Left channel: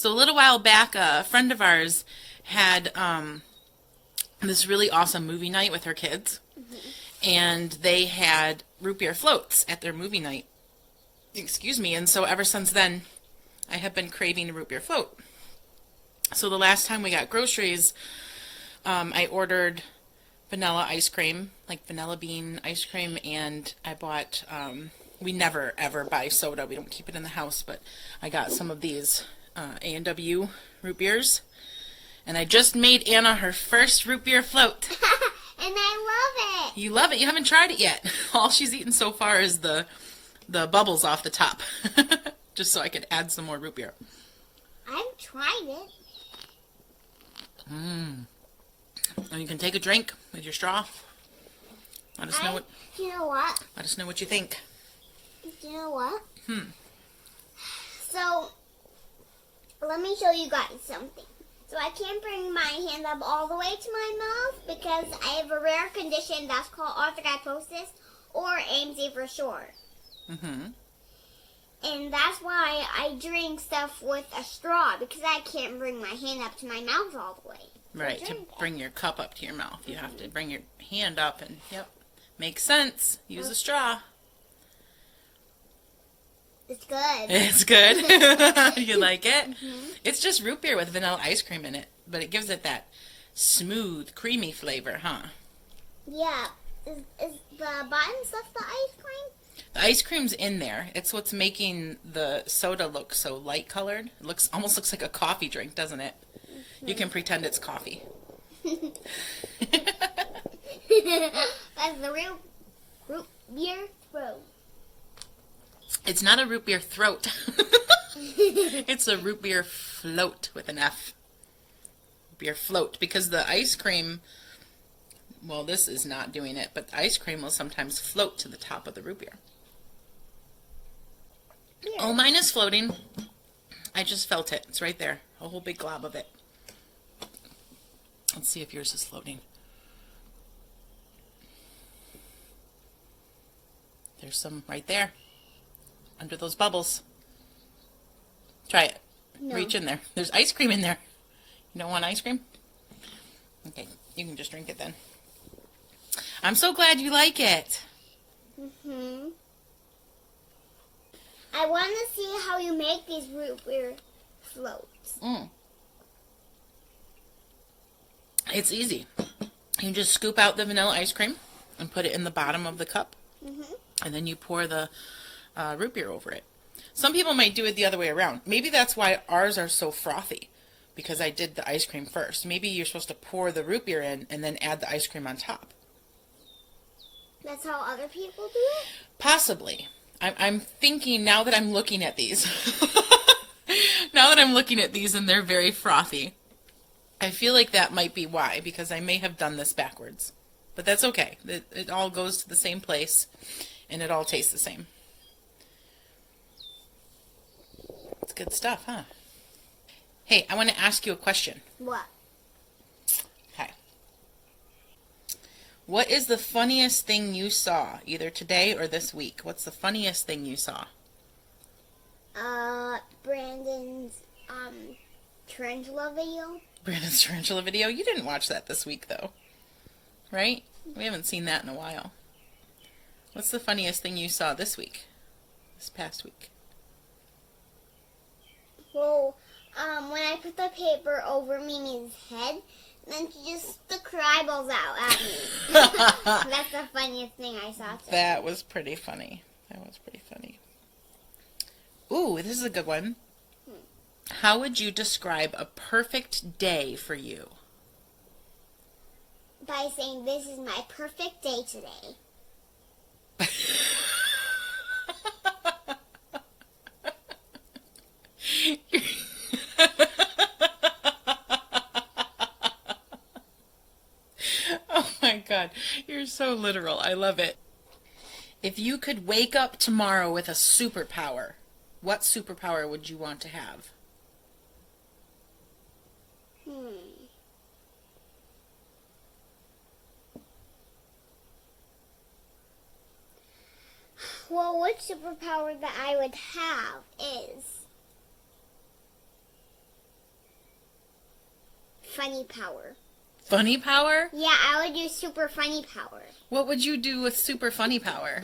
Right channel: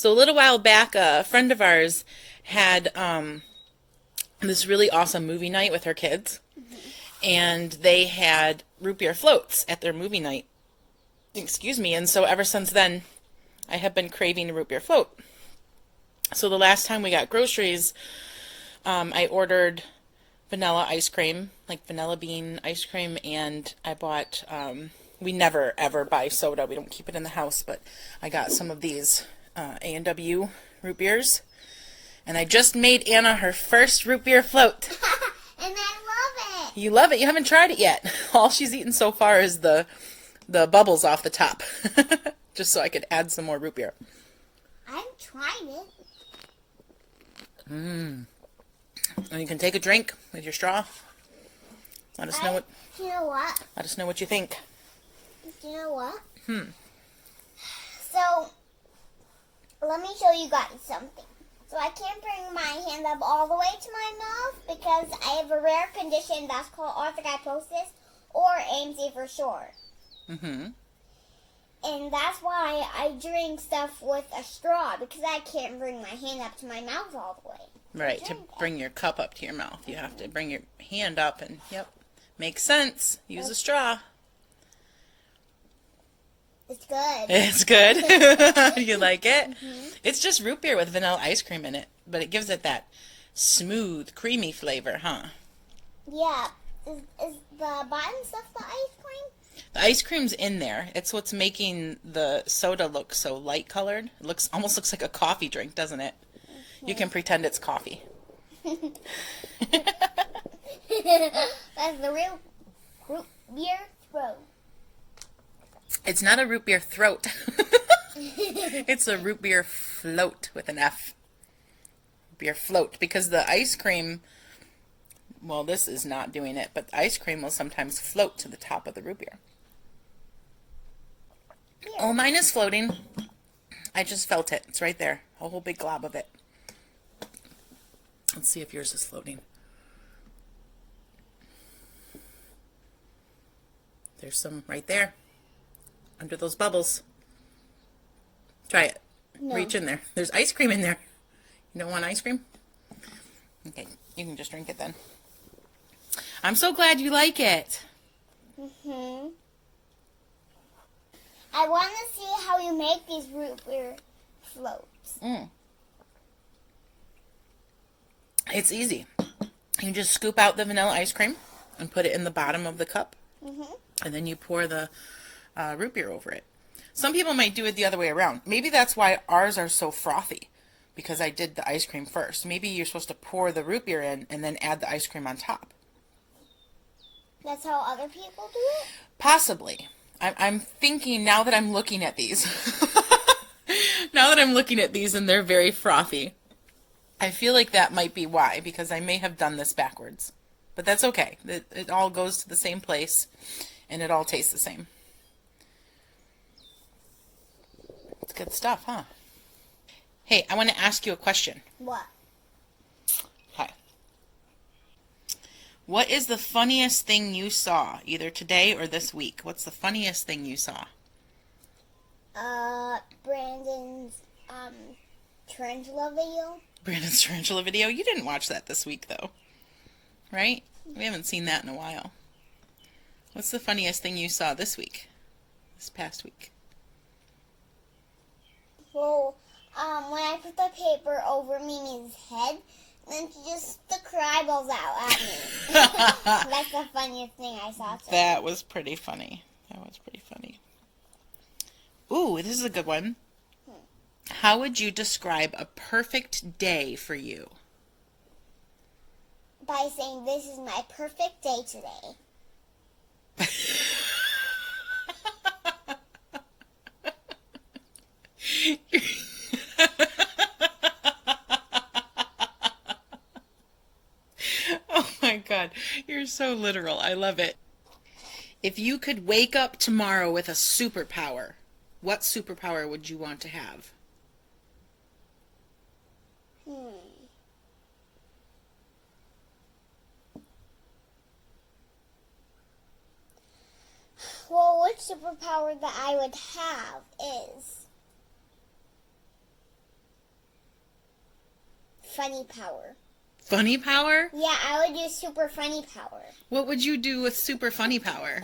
So a little while back, a friend of ours had this really awesome movie night with her kids, and they had root beer floats at their movie night. Excuse me. And so ever since then, I have been craving a root beer float. So the last time we got groceries, I ordered vanilla ice cream, like vanilla bean ice cream, and I bought, we never ever buy soda. We don't keep it in the house, but I got some of these A&W root beers, and I just made Anna her first root beer float. And I love it. You love it? You haven't tried it yet. All she's eaten so far is the bubbles off the top, just so I could add some more root beer. I've tried it. And you can take a drink with your straw. Let us know what. You know what? Let us know what you think. You know what? So, let me show you guys something. So I can't bring my hand up all the way to my mouth because I have a rare condition that's called arthrogryposis, or AMC for short. And that's why I drink stuff with a straw, because I can't bring my hand up to my mouth all the way. Right, to bring your cup up to your mouth, you have to bring your hand up, and yep, makes sense. Use a straw. It's good. It's good. You like it? It's just root beer with vanilla ice cream in it, but it gives it that smooth, creamy flavor, huh? Yeah. Is the bottom stuff the ice cream? The ice cream's in there. It's what's making the soda look so light colored. It almost looks like a coffee drink, doesn't it? You can pretend it's coffee. That's the real root beer throat. It's not a root beer throat. It's a root beer float with an F. Beer float, because the ice cream, well, this is not doing it, but the ice cream will sometimes float to the top of the root beer. Yeah. Oh, mine is floating. I just felt it. It's right there. A whole big glob of it. Let's see if yours is floating. There's some right there. Under those bubbles. Try it. No. Reach in there. There's ice cream in there. You don't want ice cream? Okay, you can just drink it then. I'm so glad you like it. I want to see how you make these root beer floats. It's easy. You just scoop out the vanilla ice cream and put it in the bottom of the cup. And then you pour the root beer over it. Some people might do it the other way around. Maybe that's why ours are so frothy, because I did the ice cream first. Maybe you're supposed to pour the root beer in and then add the ice cream on top. That's how other people do it? Possibly. I'm thinking now that I'm looking at these. Now that I'm looking at these and they're very frothy, I feel like that might be why, because I may have done this backwards. But that's okay. It all goes to the same place, and it all tastes the same. It's good stuff, huh? Hey, I want to ask you a question. What? Okay. What is the funniest thing you saw, either today or this week? What's the funniest thing you saw? Brandon's tarantula video. Brandon's tarantula video? You didn't watch that this week, though. Right? We haven't seen that in a while. What's the funniest thing you saw this week? This past week? Well, when I put the paper over Mimi's head, then she just stuck her eyeballs out at me. That's the funniest thing I saw today. That was pretty funny. That was pretty funny. Ooh, this is a good one. How would you describe a perfect day for you? By saying, this is my perfect day today. Oh my God, you're so literal. I love it. If you could wake up tomorrow with a superpower, what superpower would you want to have? Well, which superpower that I would have is funny power. Funny power? Yeah, I would use super funny power. What would you do with super funny power?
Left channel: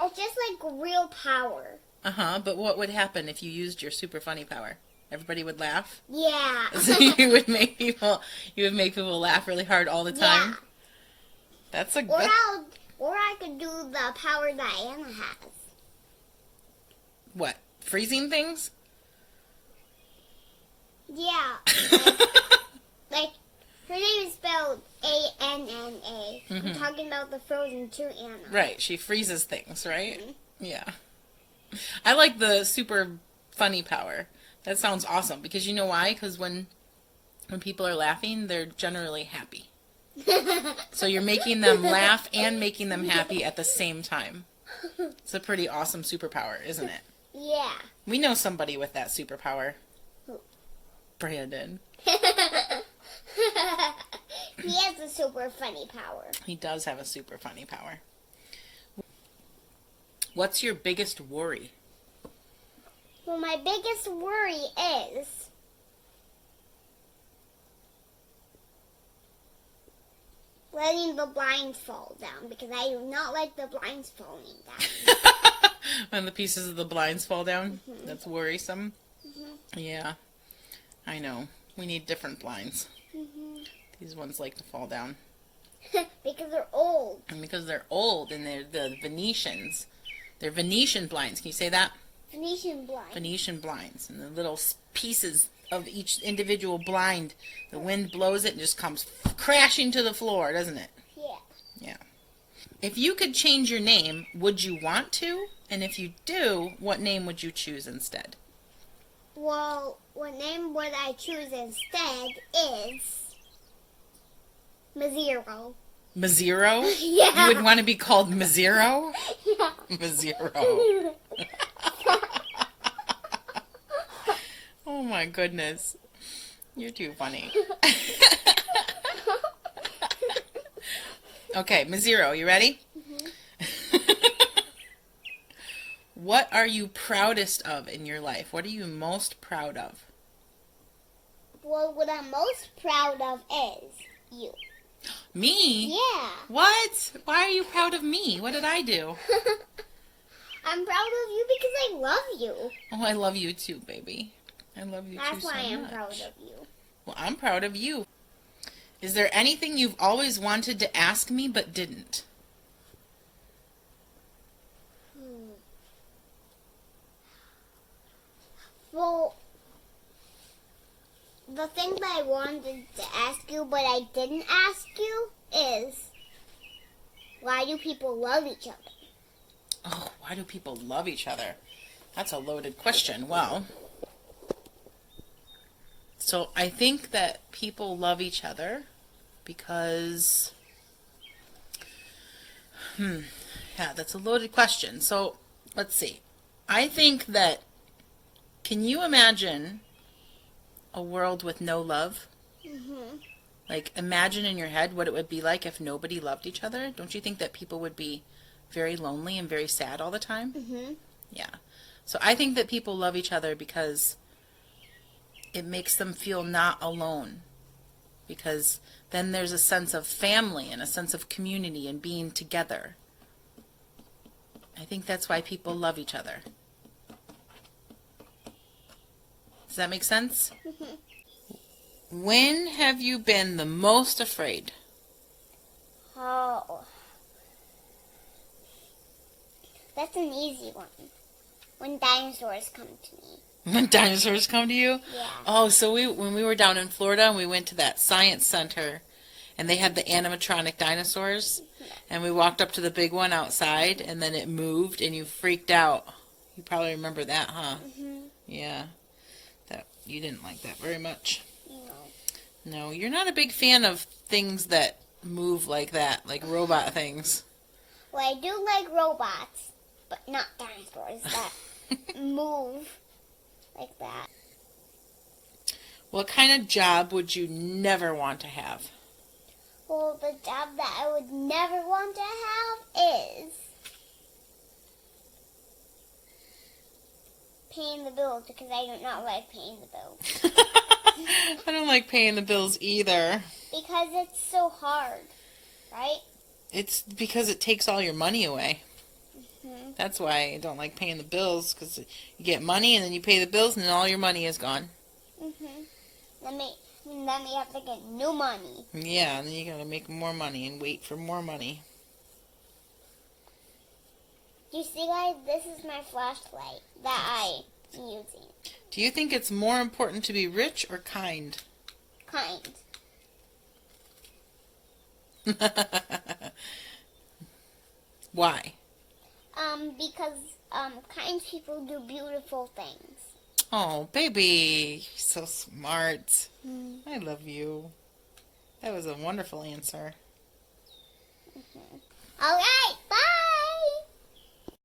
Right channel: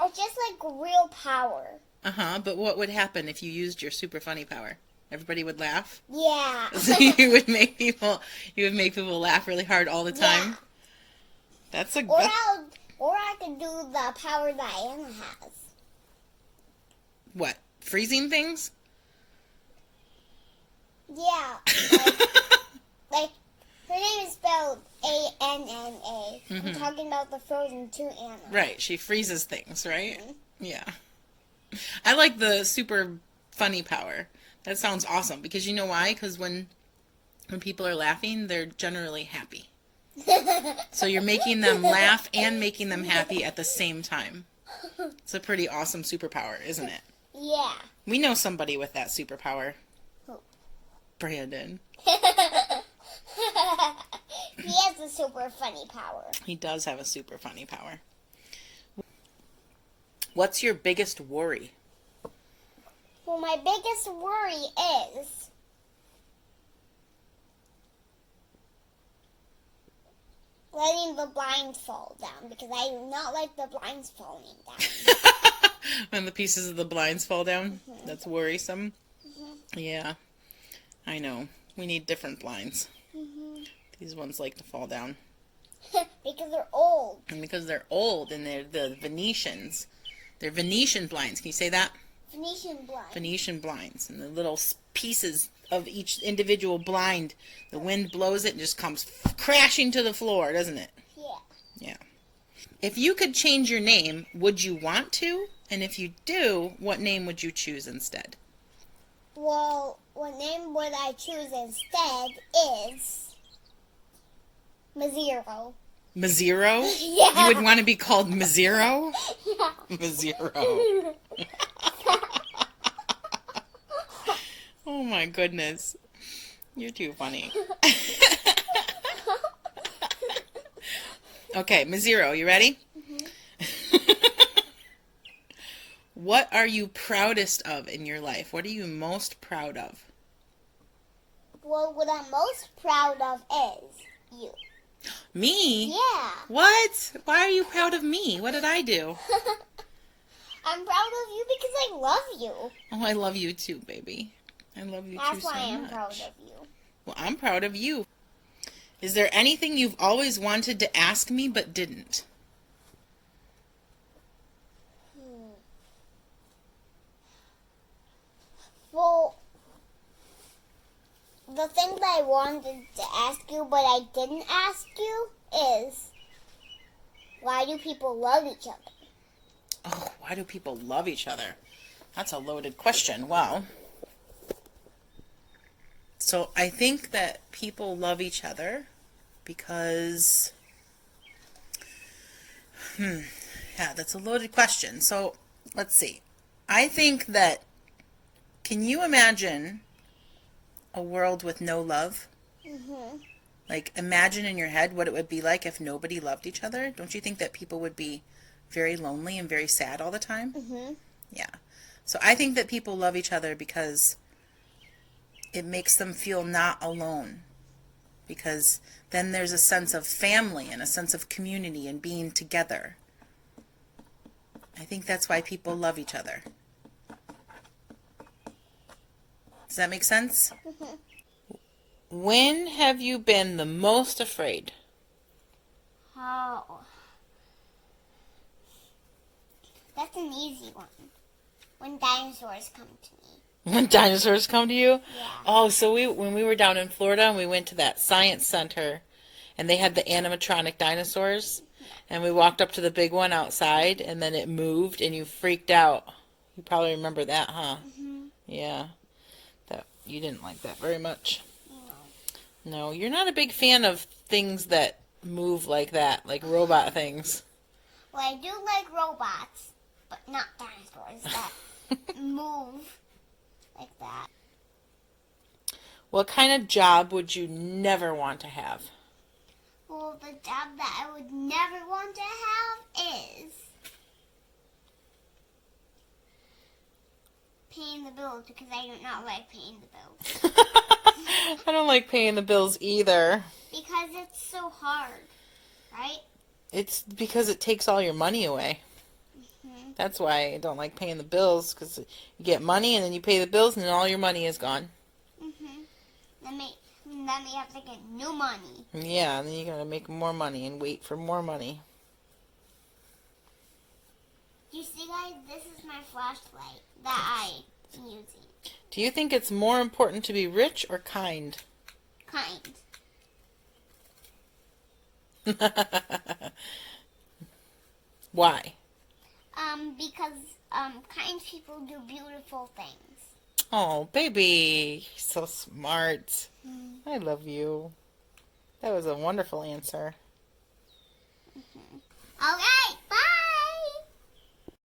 Or just like real power. Uh-huh, but what would happen if you used your super funny power? Everybody would laugh? Yeah. So you would make people laugh really hard all the time? Yeah. That's a Or good... I could do the power that Anna has. What? Freezing things? Yeah. Like her name is spelled A-N-N-A. I'm talking about the Frozen 2 Anna. Right, she freezes things, right? Yeah. I like the super funny power. That sounds awesome. Because you know why? Because when people are laughing, they're generally happy. So you're making them laugh and making them happy at the same time. It's a pretty awesome superpower, isn't it? Yeah. We know somebody with that superpower. Who? Brandon. He has a super funny power. He does have a super funny power. What's your biggest worry? Well, my biggest worry is letting the blinds fall down, because I do not like the blinds falling down. When the pieces of the blinds fall down? That's worrisome. Yeah, I know. We need different blinds. These ones like to fall down. Because they're old. And because they're old and they're the Venetians. They're Venetian blinds. Can you say that? Venetian blinds. Venetian blinds. And the little pieces of each individual blind, the wind blows it and just comes crashing to the floor, doesn't it? Yeah. Yeah. If you could change your name, would you want to? And if you do, what name would you choose instead? Well, what name would I choose instead is Mazero. Mazero? Yeah. You would want to be called Mazero? Yeah. Mazero. Oh my goodness. You're too funny. Okay, Mazero, you ready? What are you proudest of in your life? What are you most proud of? Well, what I'm most proud of is you. Me? Yeah. What? Why are you proud of me? What did I do? I'm proud of you because I love you. Oh, I love you too, baby. I love you That's too so why I'm much. proud of you. Well, I'm proud of you. Is there anything you've always wanted to ask me but didn't? Well, the thing that I wanted to ask you but I didn't ask you is, why do people love each other? Oh, why do people love each other? That's a loaded question. Well, so I think that people love each other because, yeah, that's a loaded question. So let's see. I think that, can you imagine a world with no love? Like, imagine in your head what it would be like if nobody loved each other. Don't you think that people would be very lonely and very sad all the time? Yeah. So I think that people love each other because it makes them feel not alone. Because then there's a sense of family and a sense of community and being together. I think that's why people love each other. Does that make sense? When have you been the most afraid? Oh. That's an easy one. When dinosaurs come to me. When dinosaurs come to you? Yeah. Oh, so when we were down in Florida and we went to that science center and they had the animatronic dinosaurs and we walked up to the big one outside and then it moved and you freaked out. You probably remember that, huh? Yeah. You didn't like that very much. No, you're not a big fan of things that move like that, like robot things. Well, I do like robots, but not dinosaurs that move like that. What kind of job would you never want to have? Well, the job that I would never want to have is paying the bills, because I do not like paying the bills. I don't like paying the bills either. Because it's so hard, right? It's because it takes all your money away. Hmm. That's why I don't like paying the bills, because you get money and then you pay the bills and then all your money is gone. Then we have to get new money. Yeah, and then you gotta make more money and wait for more money. You see, guys, this is my flashlight that I'm using. Do you think it's more important to be rich or kind? Kind. Why? Because kind people do beautiful things. Oh, baby, you're so smart. I love you. That was a wonderful answer. All right.